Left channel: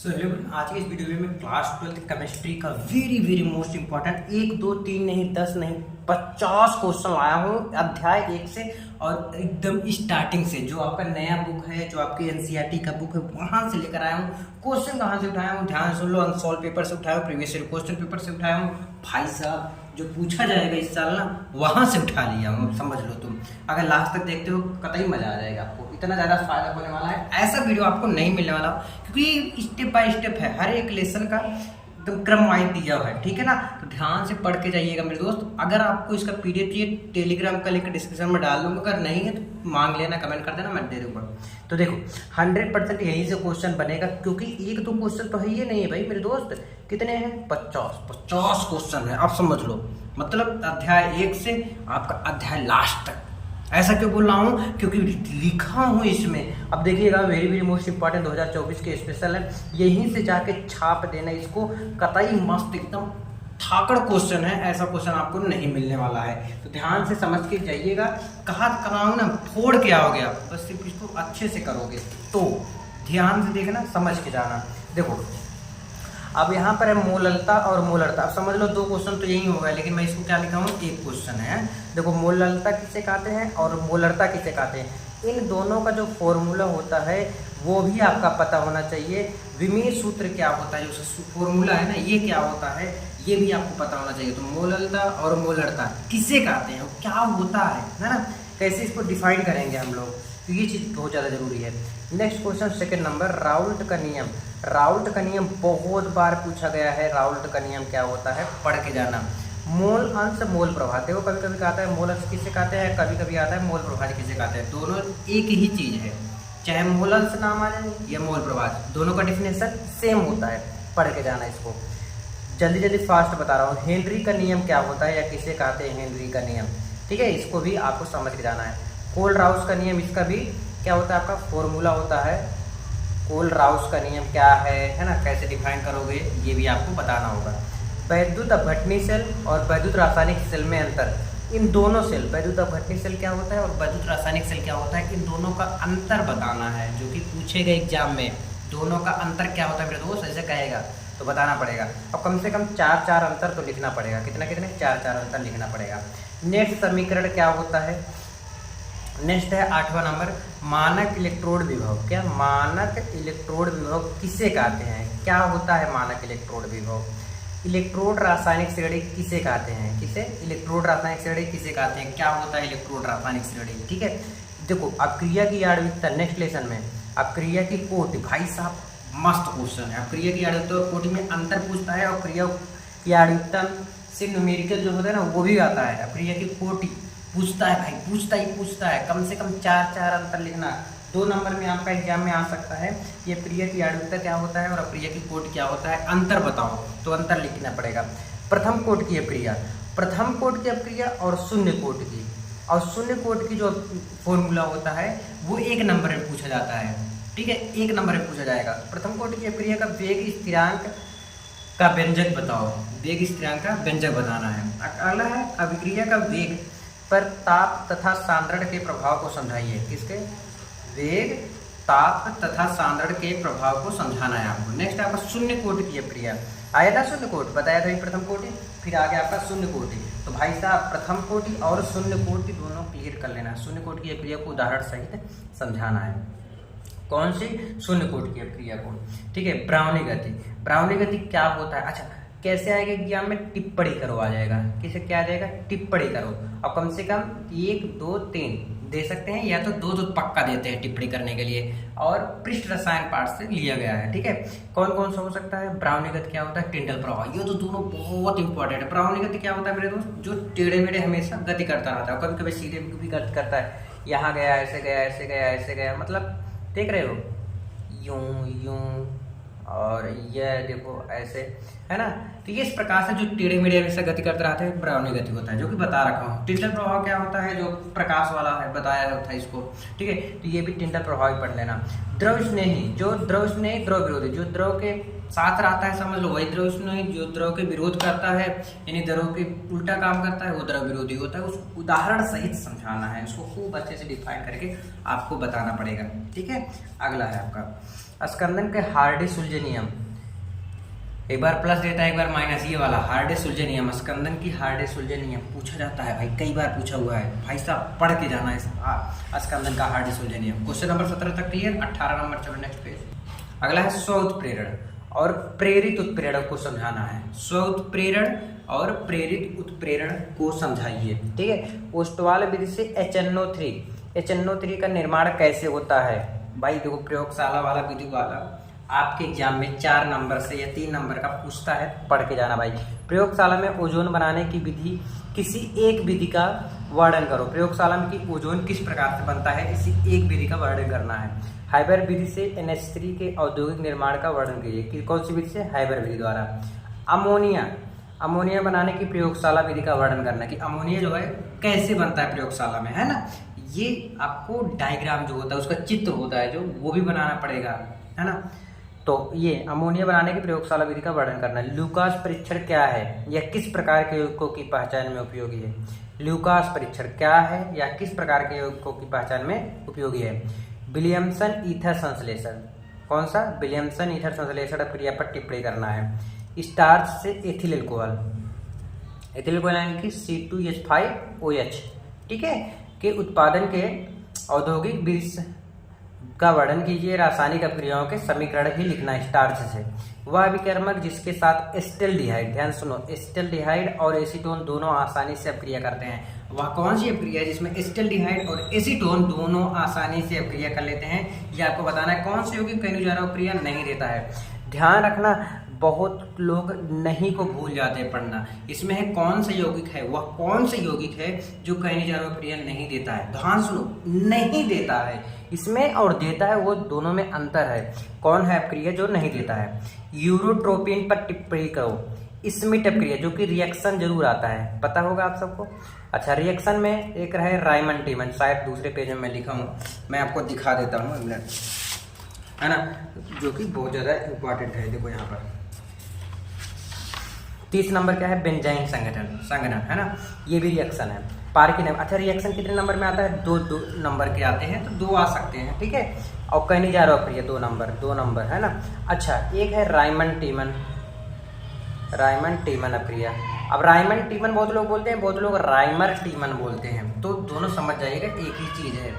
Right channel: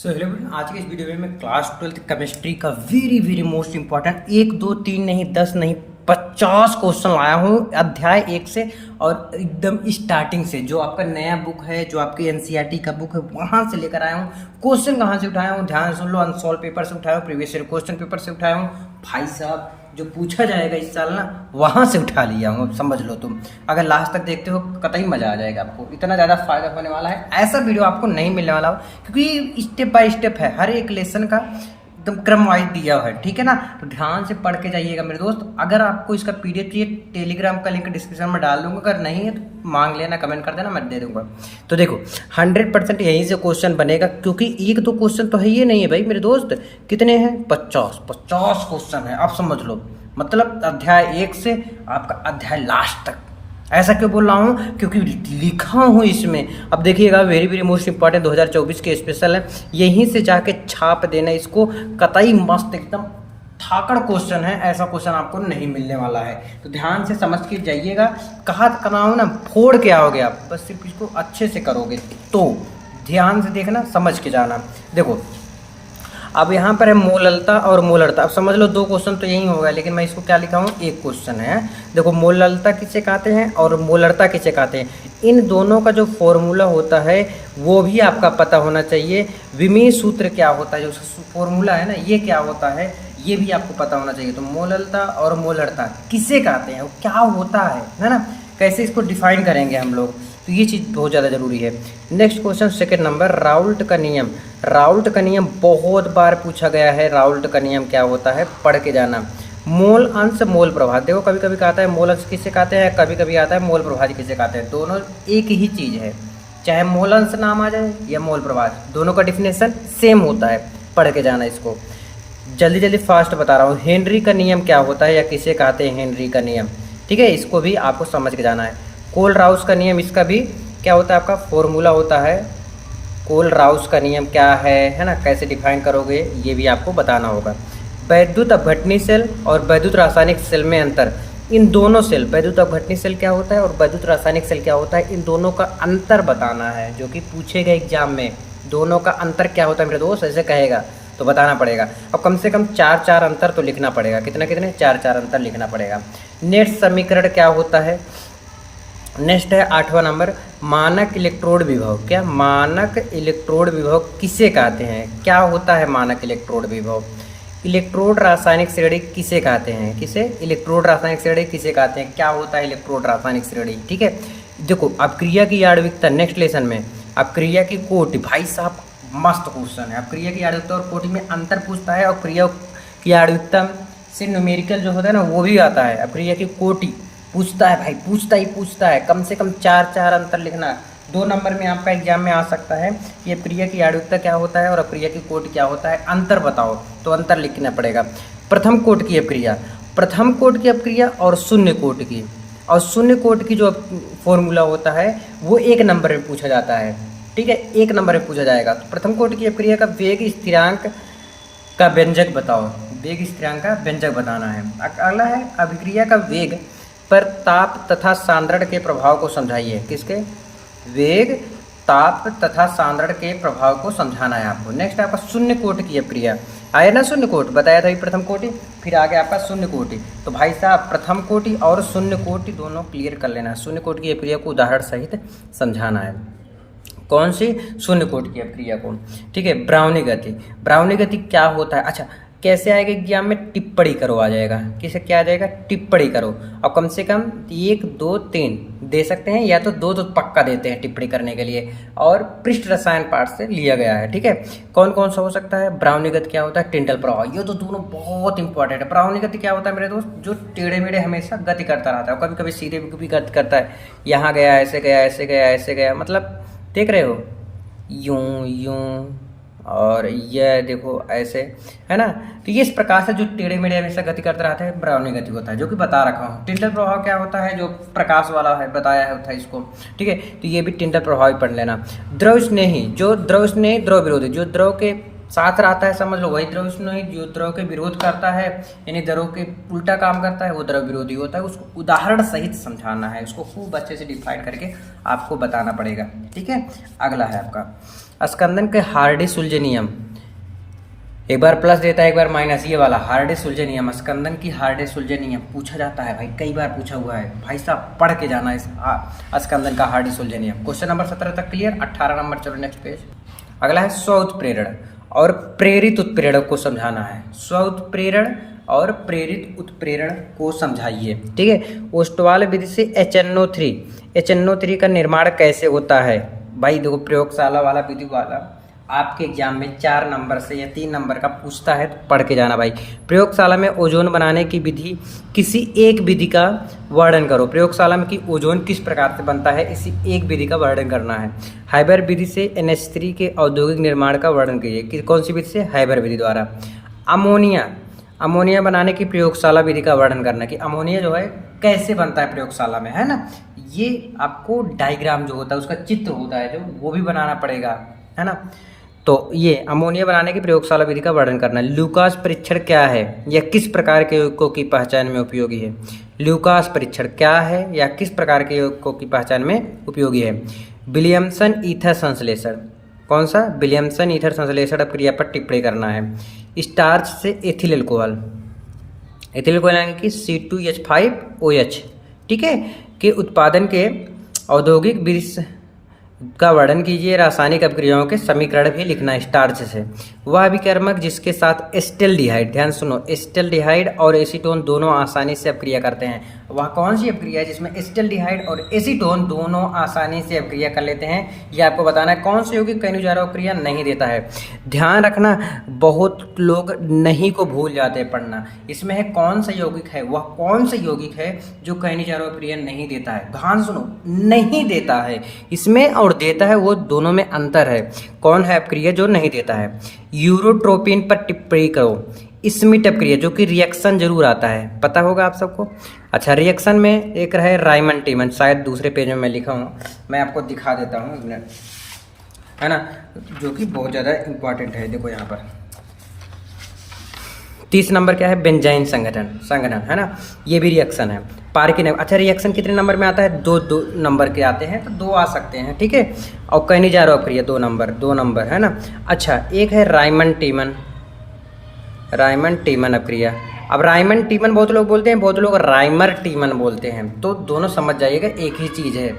So hello everyone, आज के इस वीडियो में मैं क्लास 12th केमिस्ट्री का वेरी मोस्ट इंपॉर्टेंट 1 2 3 नहीं 10 नहीं 50 क्वेश्चन लाया हूँ अध्याय 1 से और एकदम स्टार्टिंग से। जो आपका नया बुक है, जो आपकी एनसीईआरटी का बुक है, वहाँ से लेकर आया हूँ। क्वेश्चन कहाँ से उठाया हूँ ध्यान सुन लो। अनसॉल्व पेपर से उठाया हूँ, प्रीवियस ईयर क्वेश्चन पेपर से उठाया हूँ। भाई साहब जो पूछा जाएगा इस साल ना, वहाँ से उठा लिया हूँ। अब समझ लो तुम, अगर लास्ट तक देखते हो कतई मजा आ जाएगा आपको। इतना ज़्यादा फायदा होने वाला है, ऐसा वीडियो आपको नहीं मिलने वाला हो, क्योंकि स्टेप बाय स्टेप है, हर एक लेसन का एकदम क्रम वाइज दिया हुआ है। ठीक है ना, तो ध्यान से पढ़ के जाइएगा मेरे दोस्त। अगर आपको इसका पीडीएफ चाहिए, टेलीग्राम का लिंक डिस्क्रिप्शन में डाल दूंगा, अगर नहीं है तो मांग लेना, कमेंट कर देना, मैं दे दूंगा। तो देखो 100% यहीं से क्वेश्चन बनेगा, क्योंकि 1-2 क्वेश्चन तो है ही नहीं है भाई मेरे दोस्त। कितने हैं? 50 क्वेश्चन है। आप समझ लो, मतलब अध्याय 1 से आपका अध्याय लास्ट तक। ऐसा क्यों बोल रहा हूँ? क्योंकि लिखा हूँ इसमें। अब देखिएगा, वेरी मोस्ट इंपॉर्टेंट 2024 के स्पेशल है, यहीं से जाके छाप देना इसको। कतई मस्त एकदम थाकड़ क्वेश्चन है, ऐसा क्वेश्चन आपको नहीं मिलने वाला है। तो ध्यान से समझ के जाइएगा। कहा कराओ ना, फोड़ के आओगे आप, बस सिर्फ इसको अच्छे से करोगे तो। ध्यान से देखना, समझ के जाना। देखो अब यहाँ पर है मोललता और मोलरता। अब समझ लो 2 क्वेश्चन तो यही होगा, लेकिन मैं इसको क्या लिखा हूँ, 1 क्वेश्चन है। देखो मोललता किसे कहते हैं और मोलरता किसे कहते हैं, इन दोनों का जो फॉर्मूला होता है वो भी आपका पता होना चाहिए। विमीय सूत्र क्या होता है, जो फॉर्मूला है ना, ये क्या होता है, ये भी आपको पता होना चाहिए। तो मोललता और मोलरता किसे कहते हैं, क्या होता है ना, कैसे इसको डिफाइन करेंगे हम लोग, तो ये चीज़ बहुत ज़्यादा जरूरी है। नेक्स्ट क्वेश्चन 2 नंबर, राउल्ट का नियम। राउल्ट का नियम बहुत बार पूछा गया है। राउल्ट का नियम क्या होता है, पढ़ के जाना। मोल अंश मोल प्रभाव, देखो कभी कभी कहता है मोल अंश किसे कहते हैं, कभी कभी आता है मोल प्रभाज किसे कहते हैं। दोनों एक ही चीज़ है, चाहे मोल अंश नाम आ जाए या मोल प्रभाज, दोनों का डिफिनेशन सेम होता है। पढ़ के जाना इसको, जल्दी फास्ट बता रहा हूँ। हेनरी का नियम क्या होता है या किसे कहते हैं हेनरी का नियम, ठीक है, इसको भी आपको समझ के जाना है। कोल राउस का नियम, इसका भी क्या होता है, आपका फॉर्मूला होता है। कोल राउस का नियम क्या है ना, कैसे डिफाइन करोगे ये भी आपको बताना होगा। वैद्युत अपघटनी सेल और वैद्युत रासायनिक सेल में अंतर, इन दोनों सेल, वैद्युत अपघटनी सेल क्या होता है और वैद्युत रासायनिक सेल क्या होता है, इन दोनों का अंतर बताना है, जो कि पूछेगा एग्जाम में। दोनों का अंतर क्या होता है मेरे दोस्त, ऐसे कहेगा तो बताना पड़ेगा। अब कम से कम 4 अंतर तो लिखना पड़ेगा। कितने 4 अंतर लिखना पड़ेगा। नेट समीकरण क्या होता है। नेक्स्ट है 8वां नंबर, मानक इलेक्ट्रोड विभव। क्या मानक इलेक्ट्रोड विभव किसे कहते हैं, क्या होता है मानक इलेक्ट्रोड विभव। इलेक्ट्रोड रासायनिक श्रेणी किसे कहते हैं, किसे, इलेक्ट्रोड रासायनिक श्रेणी किसे कहते हैं, क्या होता है इलेक्ट्रोड रासायनिक श्रेणी। ठीक है, देखो अब क्रिया की आणविकता, नेक्स्ट लेसन में अब क्रिया की कोटि। भाई साहब मस्त क्वेश्चन है। अब क्रिया की आणविकता और कोटि में अंतर पूछता है, और क्रिया की आणविकता से न्यूमेरिकल जो होता है ना, वो भी आता है। अब क्रिया की कोटि पूछता है भाई, पूछता है। कम से कम 4 अंतर लिखना। 2 नंबर में आपका एग्जाम में आ सकता है, ये क्रिया की आणविकता क्या होता है और अक्रिया की कोटि क्या होता है, अंतर बताओ, तो अंतर लिखना पड़ेगा। प्रथम कोटि की अपक्रिया, प्रथम कोटि की अपक्रिया और शून्य कोटि की, और शून्य कोटि की जो फॉर्मूला होता है वो 1 नंबर में पूछा जाता है। ठीक है, 1 नंबर में पूछा जाएगा। तो प्रथम कोटि की अपक्रिया का वेग स्थिरांक का व्यंजक बताओ, वेग स्थिरांक का व्यंजक बताना है। अगला है अभिक्रिया का वेग पर ताप तथा सांद्रण के प्रभाव को समझाइए। किसके, वेग, ताप तथा सांद्रण के प्रभाव को समझाना है आपको। नेक्स्ट आपका शून्य कोटि की अपक्रिया आया ना, शून्य कोटि बताया था प्रथम कोटि, फिर आगे आपका शून्य कोटि। तो भाई साहब प्रथम कोटि और शून्य कोटि दोनों क्लियर कर लेना। शून्य कोटि की अपक्रिया को उदाहरण सहित समझाना है। कौन सी, शून्य कोटि की अपक्रिया को। ठीक है, ब्राउनी गति, ब्राउनी गति क्या होता है, अच्छा कैसे आएगा एग्जाम में, टिप्पणी करो आ जाएगा। किसे क्या आ जाएगा, टिप्पणी करो। और कम से कम 1 2 3 दे सकते हैं, या तो 2 तो पक्का देते हैं टिप्पणी करने के लिए, और पृष्ठ रसायन पाठ से लिया गया है। ठीक है, कौन कौन सा हो सकता है। ब्राउनी गति क्या होता है, टिंडल प्रभाव, ये तो दोनों बहुत इंपॉर्टेंट है। ब्राउनी गति क्या होता है मेरे दोस्त, जो टेढ़े मेढ़े हमेशा गति करता रहता है, कभी कभी सीधे भी गति करता है। यहाँ गया, ऐसे गया, ऐसे गया, ऐसे गया, मतलब देख रहे हो, यूं यूं, और यह देखो ऐसे, है ना। तो ये इस प्रकार से जो टेढ़े मेढ़े हमेशा गति करते रहते हैं, ब्राउनी गति होता है, जो कि बता रखा हूँ। टिंडल प्रभाव क्या होता है, जो प्रकाश वाला है, बताया होता है इसको। ठीक है, तो ये भी टिंडल प्रभाव ही पढ़ लेना। द्रव स्नेही, जो द्रव स्नेही, द्रव विरोधी, जो द्रव के साथ रहता है समझ लो वही द्रव स्नेही, जो द्रव के विरोध करता है यानी द्रव के उल्टा काम करता है वो द्रव विरोधी होता है। उसको उदाहरण सहित समझाना है, उसको खूब अच्छे से डिफाइन करके आपको बताना पड़ेगा। ठीक है, अगला है आपका स्कंदन के हार्डी-सुलजे नियम, एक बार प्लस देता है एक बार माइनस, ये वाला हार्डी-सुलजे नियम, स्कंदन की हार्डी-सुलजे नियम पूछा जाता है भाई, कई बार पूछा हुआ है भाई साहब, पढ़ के जाना इस स्कंदन का हार्डी-सुलजे नियम। क्वेश्चन नंबर 17 तक क्लियर। 18 नंबर, चलो नेक्स्ट पेज। अगला है स्व उत्प्रेरण और प्रेरित उत्प्रेरण को समझाना है। स्व उत्प्रेरण और प्रेरित उत्प्रेरण को समझाइए, ठीक है। ओस्टवाल विधि से HNO3 का निर्माण कैसे होता है भाई? देखो प्रयोगशाला वाला विधि वाला आपके एग्जाम में 4 नंबर से या 3 नंबर का पूछता है, तो पढ़ के जाना भाई। प्रयोगशाला में ओजोन बनाने की विधि, किसी एक विधि का वर्णन करो। प्रयोगशाला में कि ओजोन किस प्रकार से बनता है, इसी एक विधि का वर्णन करना है। हाइबर विधि से NH3 के औद्योगिक निर्माण का वर्णन कीजिए। कौन सी विधि से? हाइबर विधि द्वारा। अमोनिया बनाने की प्रयोगशाला विधि का वर्णन करना कि अमोनिया जो है कैसे बनता है प्रयोगशाला में, है ना। ये आपको डायग्राम जो होता है उसका चित्र होता है जो, वो भी बनाना पड़ेगा, है ना। तो ये अमोनिया बनाने की प्रयोगशाला विधि का वर्णन करना है। लूकास परीक्षण क्या है या किस प्रकार के यौगिकों की पहचान में उपयोगी है? लूकास परीक्षण क्या है या किस प्रकार के यौगिकों की पहचान में उपयोगी है? विलियमसन ईथर संश्लेषण, कौन सा? विलियमसन ईथर संश्लेषण क्रिया पर टिप्पणी करना है। स्टार्च से एथिल अल्कोहल यानी कि C2H5OH, ठीक है, के उत्पादन के औद्योगिक विधि का वर्णन कीजिए। रासायनिक अपक्रियाओं के समीकरण भी लिखना है स्टार्च से। वह अभिकर्मक जिसके साथ एस्टेल्डिहाइड, ध्यान सुनो, एस्टेल्डिहाइड और एसीटोन दोनों आसानी से अपक्रिया करते हैं। वह कौन सी अपक्रिया है जिसमें एस्टेल्डिहाइड और एसीटोन दोनों आसानी से अपक्रिया कर लेते हैं? ये आपको बताना है। कौन सा यौगिक कई अनुजारों अपक्रिया नहीं देता है? ध्यान रखना, बहुत लोग नहीं को भूल जाते पढ़ना। इसमें है कौन सा यौगिक है, वह कौन सा यौगिक है जो कई अनुजारों अपक्रिया नहीं देता है? ध्यान सुनो, नहीं देता है। इसमें और देता है वो दोनों में अंतर है। कौन है अपक्रिया जो नहीं देता है? यूरोट्रोपिन पर टिप्पणी करो। स्मिट अपक्रिया जो कि रिएक्शन जरूर आता है, पता होगा आप सबको। अच्छा, रिएक्शन में एक रहे राइमन टीमन, शायद दूसरे पेज में मैं लिखा हूँ, मैं आपको दिखा देता हूँ एक मिनट, है ना, जो कि बहुत ज़्यादा इंपॉर्टेंट है। देखो यहाँ पर 30 नंबर क्या है? बेंजाइन संघनन, है ना, ये भी रिएक्शन है। पार्किन, अच्छा रिएक्शन कितने नंबर में आता है? 2 नंबर के आते हैं, तो 2 आ सकते हैं, ठीक है। और कहीं नहीं जा रहा अपक्रिया 2 नंबर, है ना। अच्छा, एक है राइमन टीमन अपक्रिया। अब राइमन टीमन बहुत लोग बोलते हैं, बहुत लोग राइमर टीमन बोलते हैं, तो दोनों समझ जाइएगा एक ही चीज़ है।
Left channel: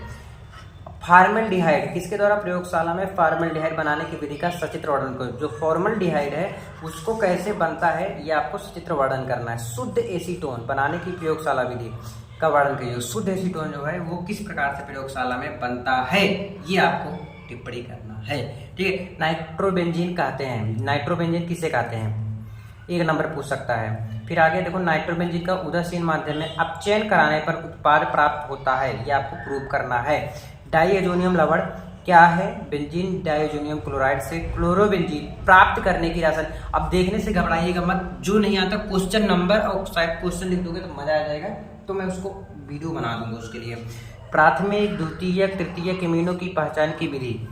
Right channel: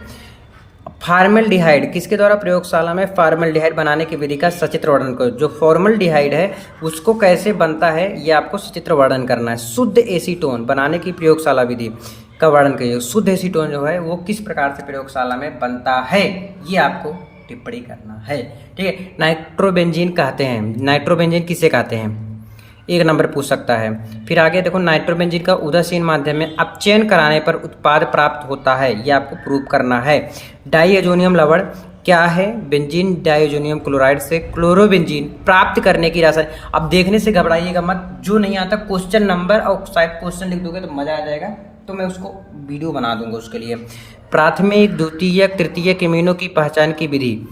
फॉर्मल्डिहाइड किसके द्वारा? प्रयोगशाला में फॉर्मल्डिहाइड बनाने की विधि का सचित्र वर्णन करो। जो फॉर्मल्डिहाइड है उसको कैसे बनता है ये आपको सचित्र वर्णन करना है। शुद्ध एसीटोन बनाने की प्रयोगशाला विधि का वर्णन करिए। शुद्ध एसीटोन जो है वो किस प्रकार से प्रयोगशाला में बनता है ये आपको टिप्पणी करना है, ठीक है। नाइट्रोबेंजीन कहते हैं, नाइट्रोबेंजीन किसे कहते हैं? 1 नंबर पूछ सकता है। फिर आगे देखो, नाइट्रोबेंजीन का उदासीन माध्यम में अपचयन कराने पर उत्पाद प्राप्त होता है, ये आपको प्रूव करना है। डाईअजोनियम लवण क्या है? बेंजीन डाईअजोनियम क्लोराइड से क्लोरोबेंजीन प्राप्त करने की रासायनिक। अब देखने से घबराइएगा मत, जो नहीं आता क्वेश्चन नंबर और शायद क्वेश्चन लिख दोगे तो मजा आ जाएगा, तो मैं उसको वीडियो बना दूंगा उसके लिए। प्राथमिक, द्वितीयक, तृतीयक इमीनों की पहचान की विधि,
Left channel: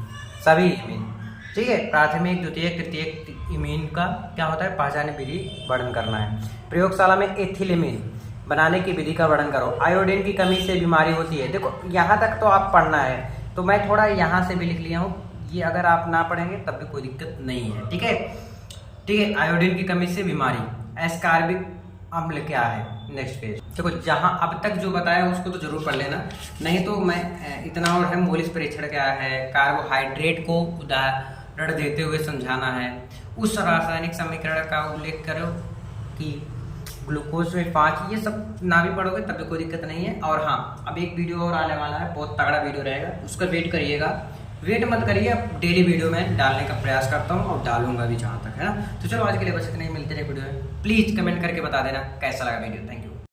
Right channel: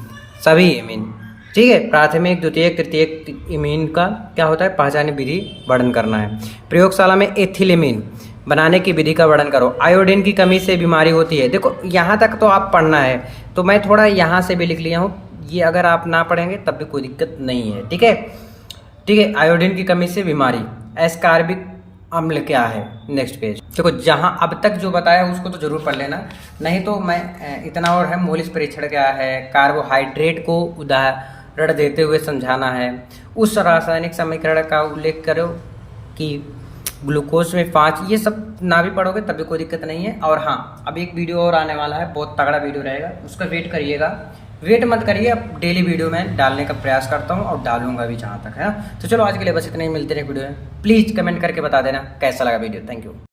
सभी इमीन, ठीक है। प्राथमिक, द्वितीयक, तृतीयक इमीन का क्या होता है? पहचान विधि वर्णन करना है। प्रयोगशाला में एथिलेमीन बनाने की विधि का वर्णन करो। आयोडीन की कमी से बीमारी होती है। देखो यहाँ तक तो आप पढ़ना है, तो मैं थोड़ा यहाँ से भी लिख लिया हूँ, ये अगर आप ना पढ़ेंगे तब भी कोई दिक्कत नहीं है, ठीक है, ठीक है। आयोडीन की कमी से बीमारी। एस्कार्बिक अम्ल क्या है? Next page. देखो जहाँ अब तक जो बताया उसको तो जरूर पढ़ लेना, नहीं तो मैं इतना और है। मोलिस परीक्षण क्या है? कार्बोहाइड्रेट को उदाहरण देते हुए समझाना है। उस रासायनिक समीकरण का उल्लेख करो कि ग्लूकोज में 5, ये सब ना भी पढ़ोगे तब भी कोई दिक्कत नहीं है। और हाँ, अब एक वीडियो और आने वाला है, बहुत तगड़ा वीडियो रहेगा, उसका वेट करिएगा। वेट मत करिए, अब डेली वीडियो में डालने का प्रयास करता हूँ और डालूंगा भी जहाँ तक, है ना। तो चलो आज के लिए बस इतना ही, मिलते रहे वीडियो में। प्लीज़ कमेंट करके बता देना कैसा लगा वीडियो। Thank you.